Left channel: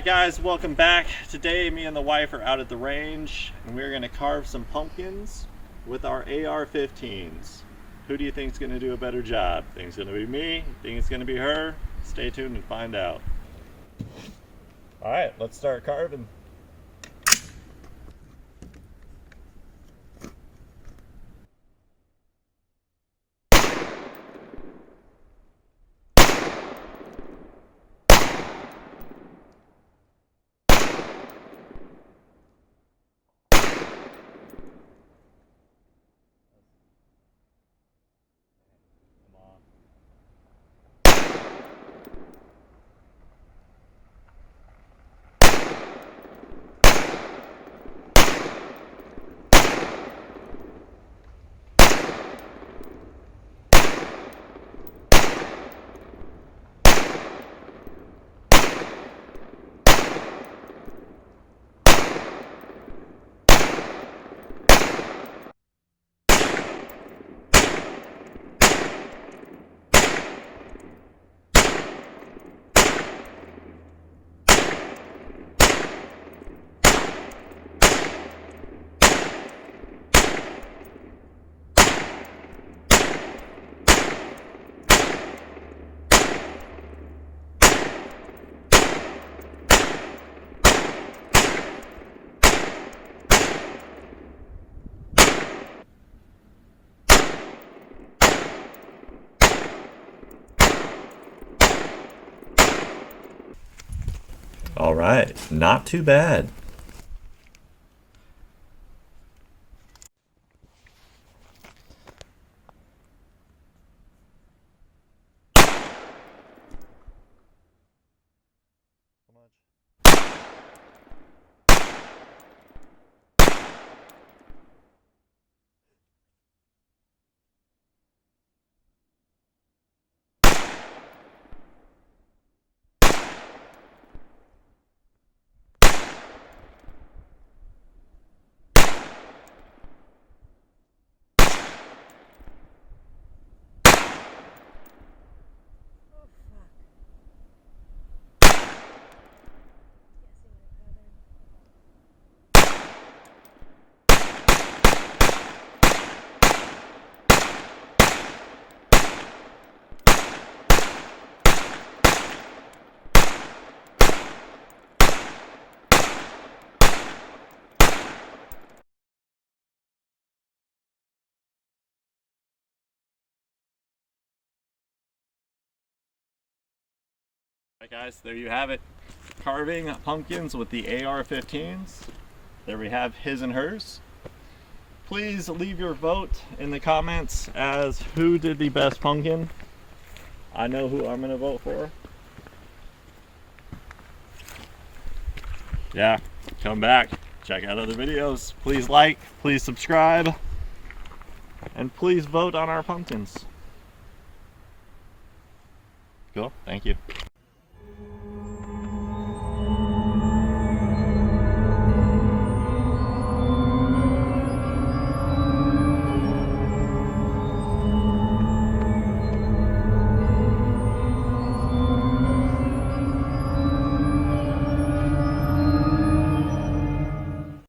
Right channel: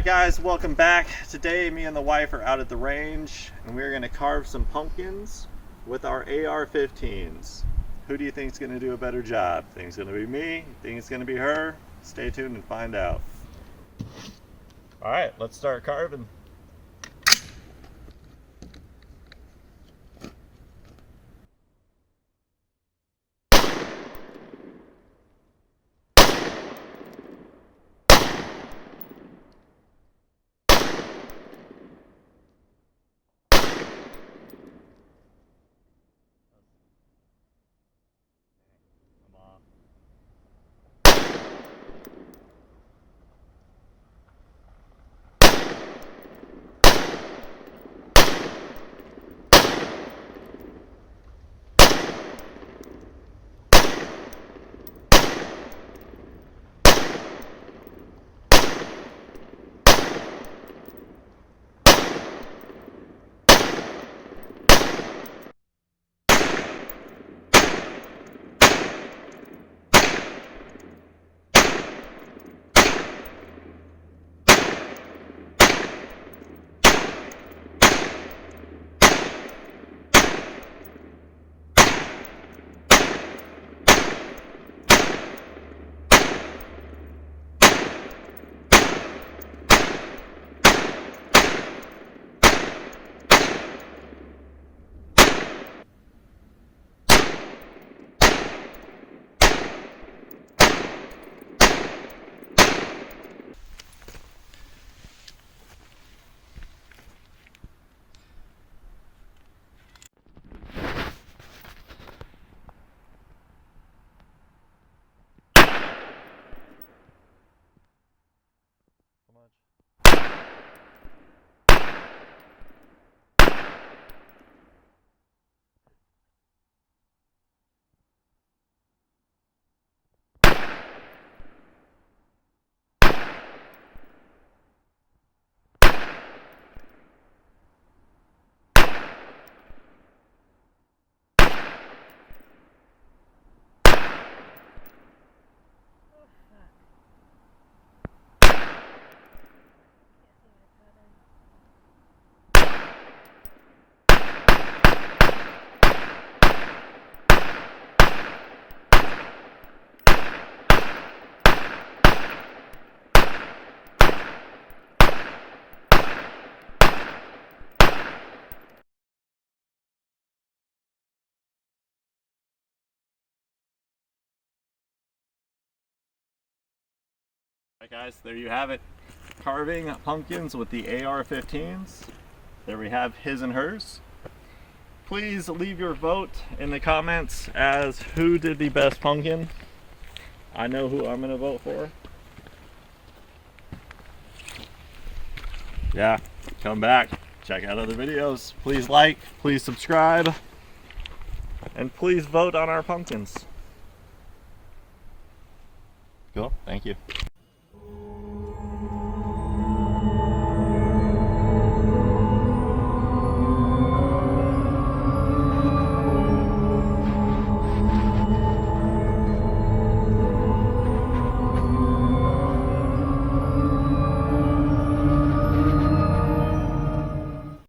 Alright guys, welcome back. Today me and the wife are out at the range and we're going to carve some pumpkins with our AR15's. Who do you think is going to do a better job? Think it's going to be me? Think it's going to be her? Stay tuned and find out. Alright, let's start carving. All right, not too bad. Alright guys, there you have it. Carving pumpkins with the AR15's. There we have his and hers. Please leave your vote in the comments as who did the best pumpkin. I know who I'm going to vote for. Yeah, come back, check out other videos. Please like, please subscribe, and please vote on our pumpkins. Cool, thank you.